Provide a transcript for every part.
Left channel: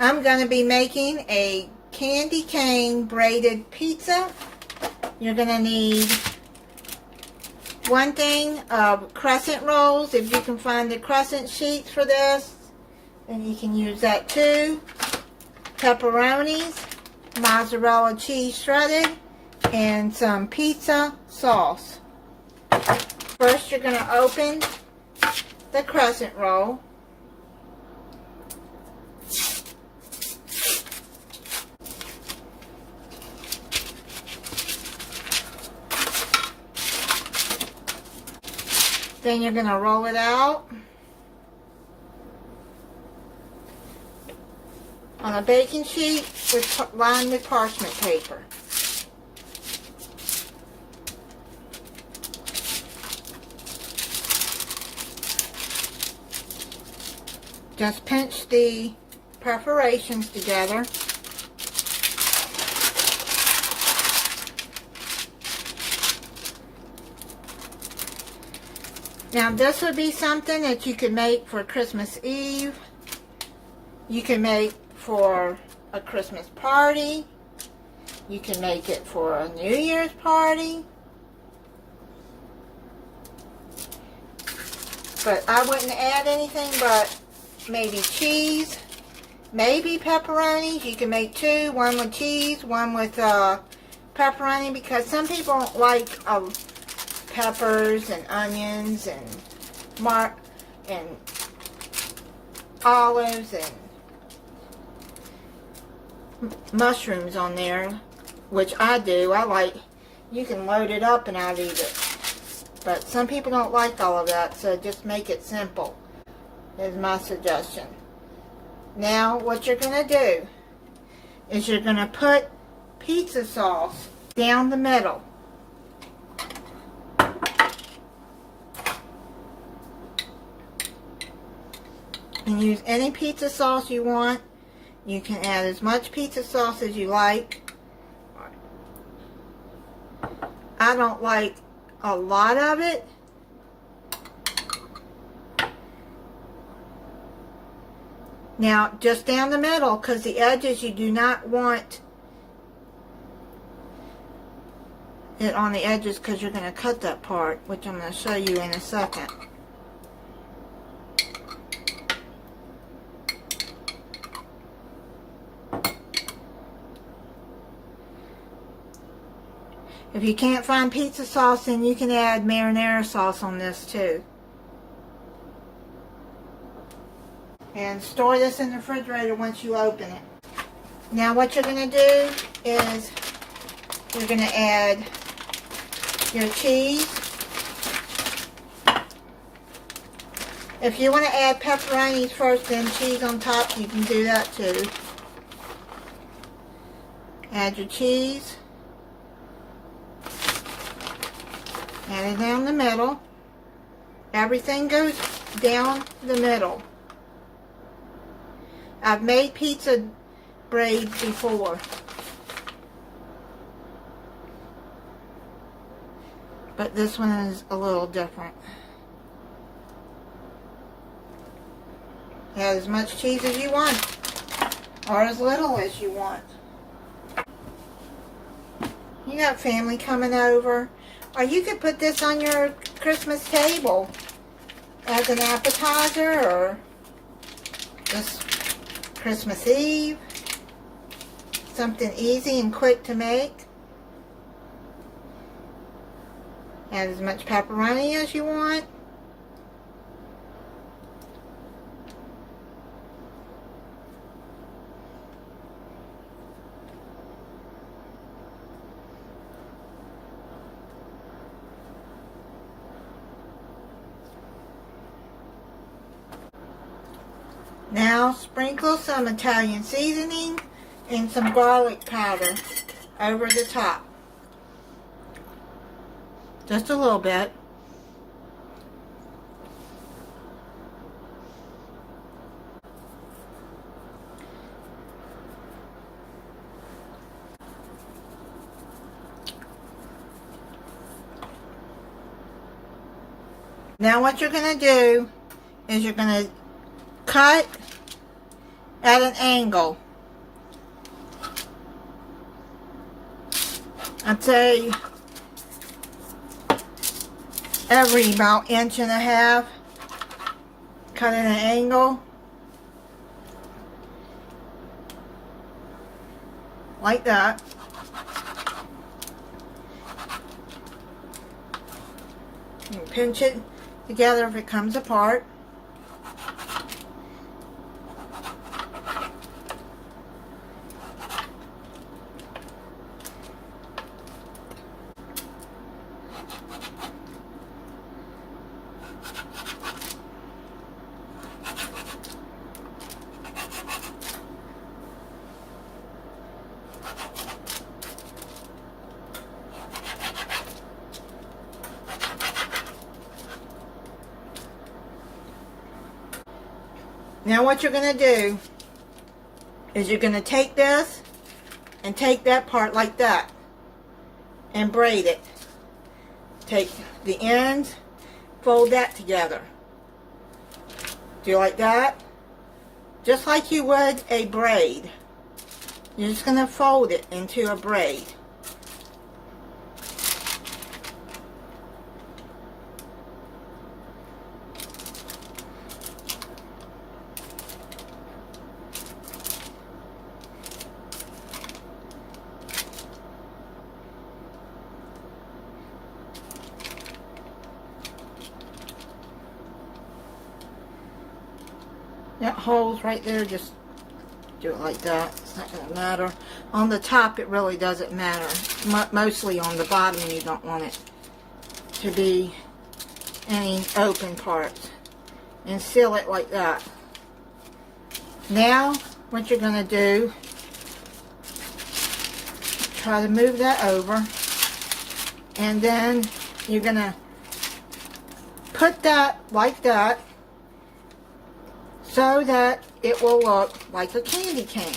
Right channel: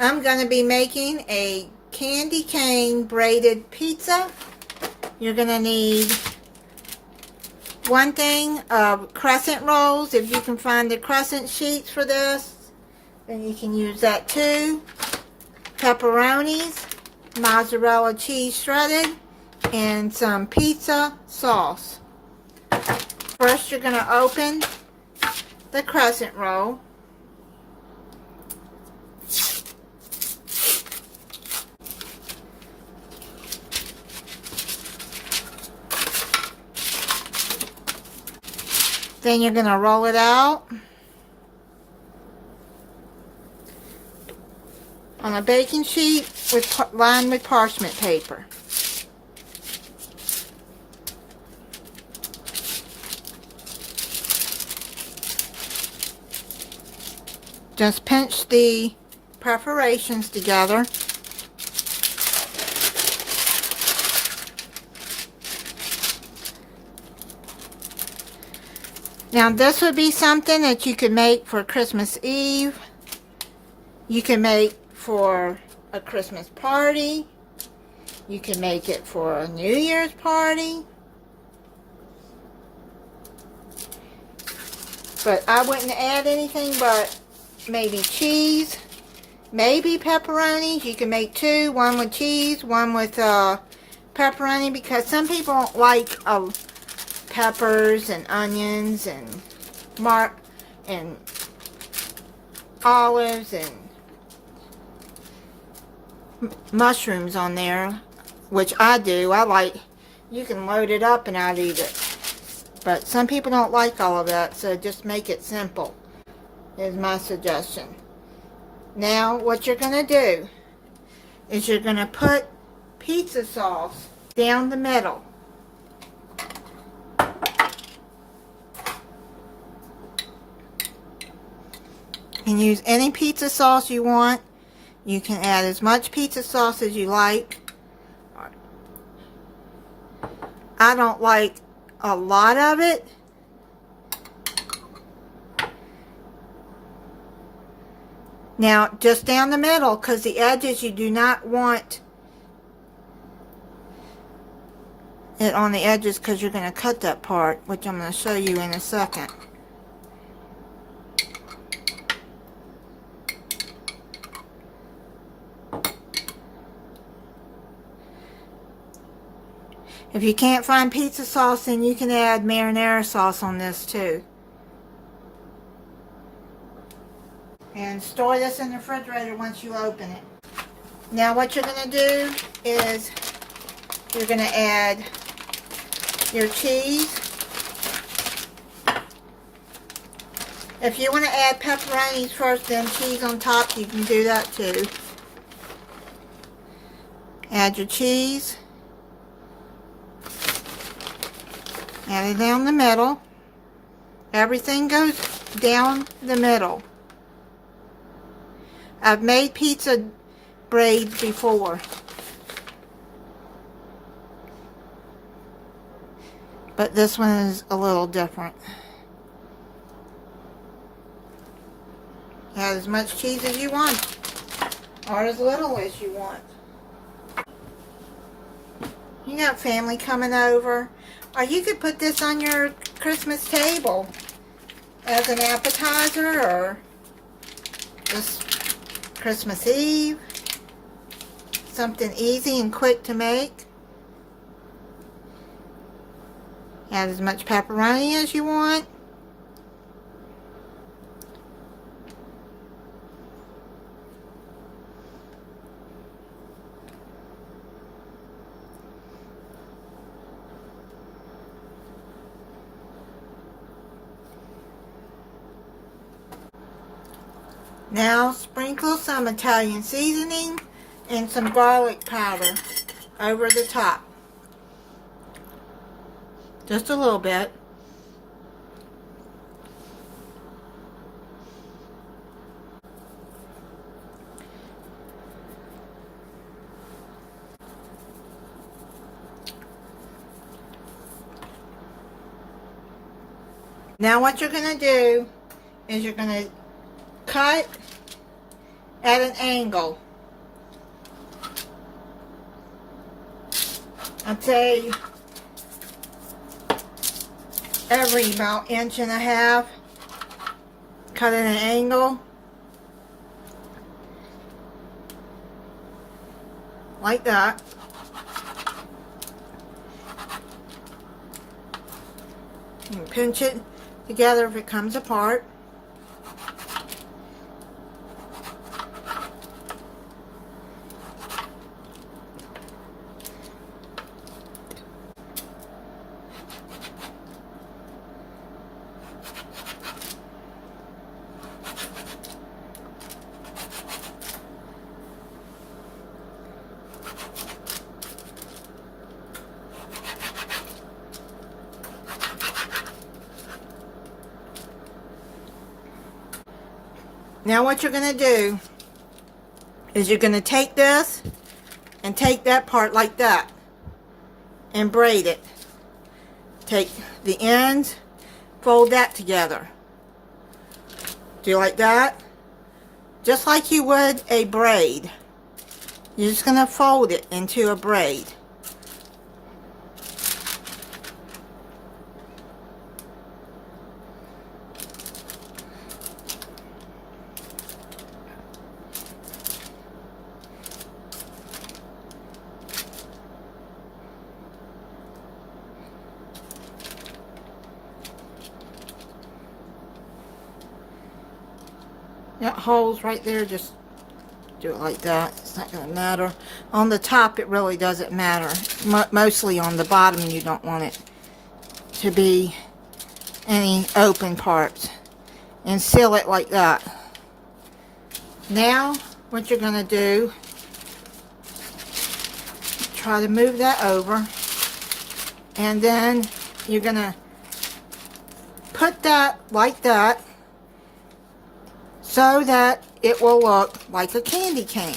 I'm going to be making a candy cane braided pizza. You're going to need one thing of Crescent rolls. If you can find the Crescent sheets for this, then you can use that too. Pepperonis, mozzarella cheese shredded, and some pizza sauce. First, you're going to open the Crescent roll. Then you're going to roll it out on a baking sheet lined with parchment paper. Just pinch the perforations together. Now this would be something that you could make for Christmas Eve. You can make for a Christmas party. You can make it for a New Year's party. But I wouldn't add anything but maybe cheese, maybe pepperonis. You can make two, one with cheese, one with pepperoni, because some people don't like peppers and onions and olives and mushrooms on there, which I do. I like, you can load it up and I'll eat it. But some people don't like all of that, so just make it simple, is my suggestion. Now, what you're going to do is you're going to put pizza sauce down the middle. And use any pizza sauce you want. You can add as much pizza sauce as you like. I don't like a lot of it. Now, just down the middle, because the edges, you do not want it on the edges, because you're going to cut that part, which I'm going to show you in a second. If you can't find pizza sauce, then you can add marinara sauce on this too. And store this in the refrigerator once you open it. Now what you're going to do is you're going to add your cheese. If you want to add pepperonis first, then cheese on top, you can do that too. Add your cheese. Add it down the middle. Everything goes down the middle. I've made pizza braids before, but this one is a little different. Add as much cheese as you want, or as little as you want. You got family coming over. Or you could put this on your Christmas table as an appetizer, or just Christmas Eve. Something easy and quick to make. Add as much pepperoni as you want. Now sprinkle some Italian seasoning and some garlic powder over the top. Just a little bit. Now what you're going to do is you're going to cut at an angle. I'd say every about 1.5 inches. Cut at an angle. Like that. You pinch it together if it comes apart. Now what you're going to do is you're going to take this and take that part like that and braid it. Take the ends, fold that together. Do you like that? Just like you would a braid. You're just going to fold it into a braid. That hole's right there, just do it like that. It's not going to matter. On the top, it really doesn't matter. Mostly on the bottom, you don't want it to be any open parts. And seal it like that. Now, what you're going to do, try to move that over. And then you're going to put that like that, so that it will look like a candy cane.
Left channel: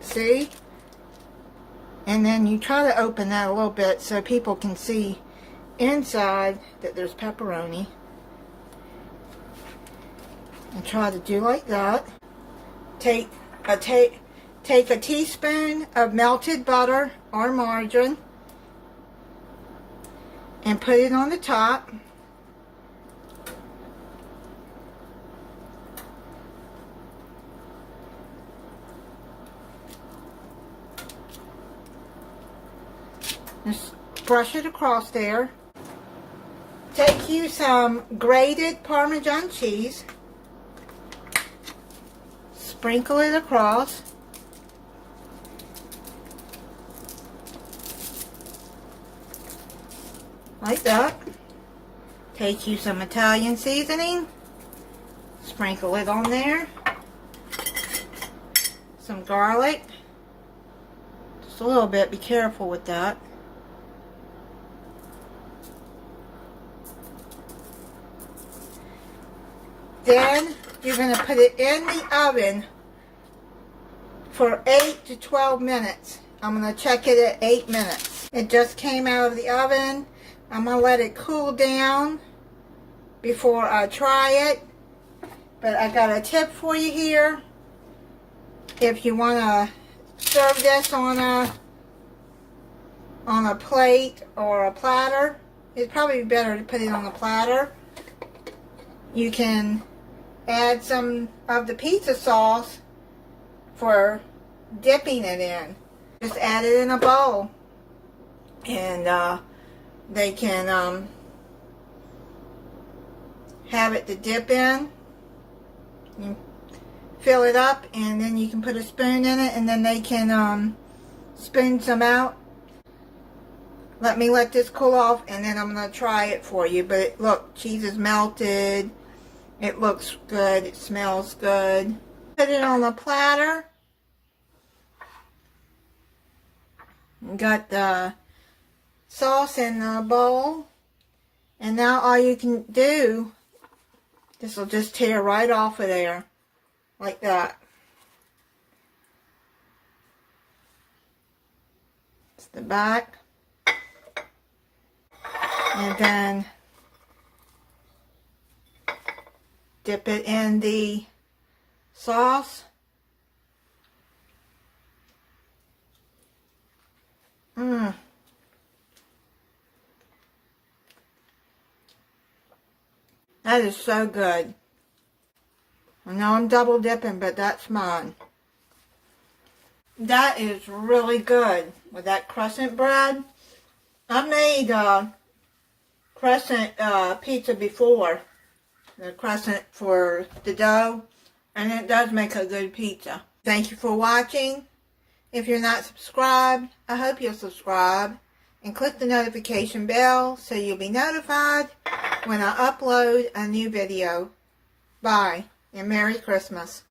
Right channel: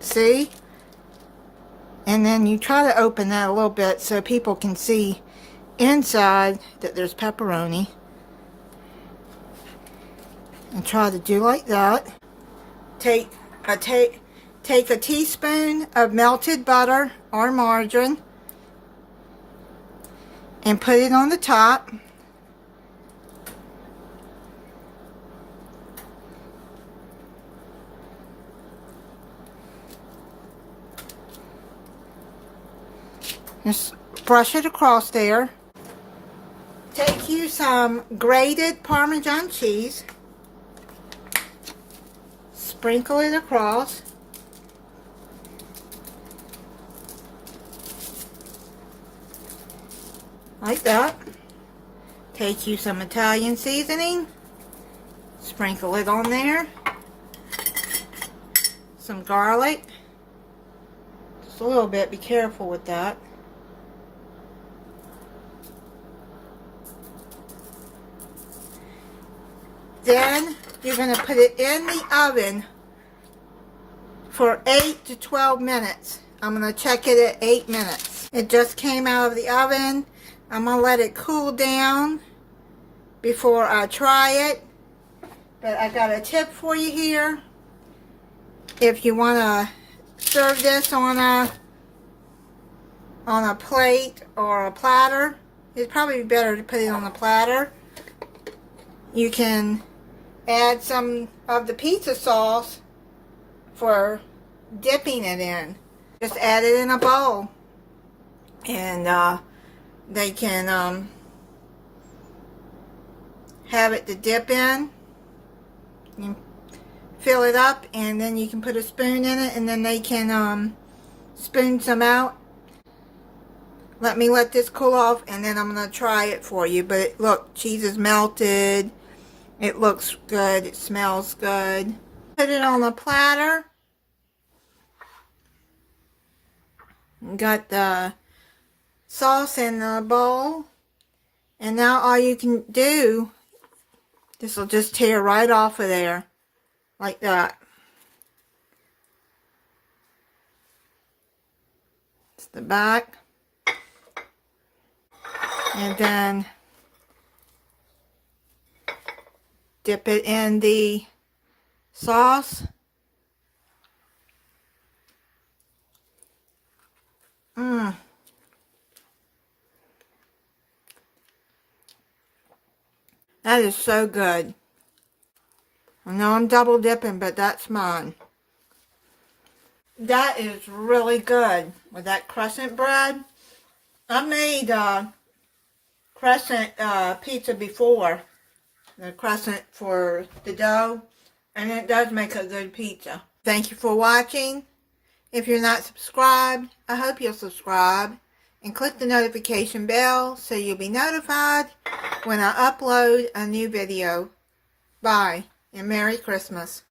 See? And then you try to open that a little bit so people can see inside that there's pepperoni. And try to do like that. Take a teaspoon of melted butter or margarine and put it on the top. Just brush it across there. Take you some grated Parmesan cheese. Sprinkle it across. Like that. Take you some Italian seasoning. Sprinkle it on there. Some garlic. Just a little bit. Be careful with that. Then you're going to put it in the oven for 8 to 12 minutes. I'm going to check it at 8 minutes. It just came out of the oven. I'm going to let it cool down before I try it. But I got a tip for you here. If you want to serve this on a plate or a platter, it'd probably be better to put it on a platter. You can add some of the pizza sauce for dipping it in. Just add it in a bowl. And they can have it to dip in. You fill it up and then you can put a spoon in it and then they can spoon some out. Let me let this cool off and then I'm going to try it for you. But look, cheese is melted. It looks good. It smells good. Put it on a platter. Got the sauce in the bowl. And now all you can do, this will just tear right off of there. Like that. It's the back. And then Dip it in the sauce. Mmm. That is so good. I know I'm double dipping, but that's mine. That is really good with that crescent bread. I made crescent pizza before. The crescent for the dough. And it does make a good pizza. Thank you for watching. If you're not subscribed, I hope you'll subscribe. And click the notification bell so you'll be notified when I upload a new video. Bye, and Merry Christmas.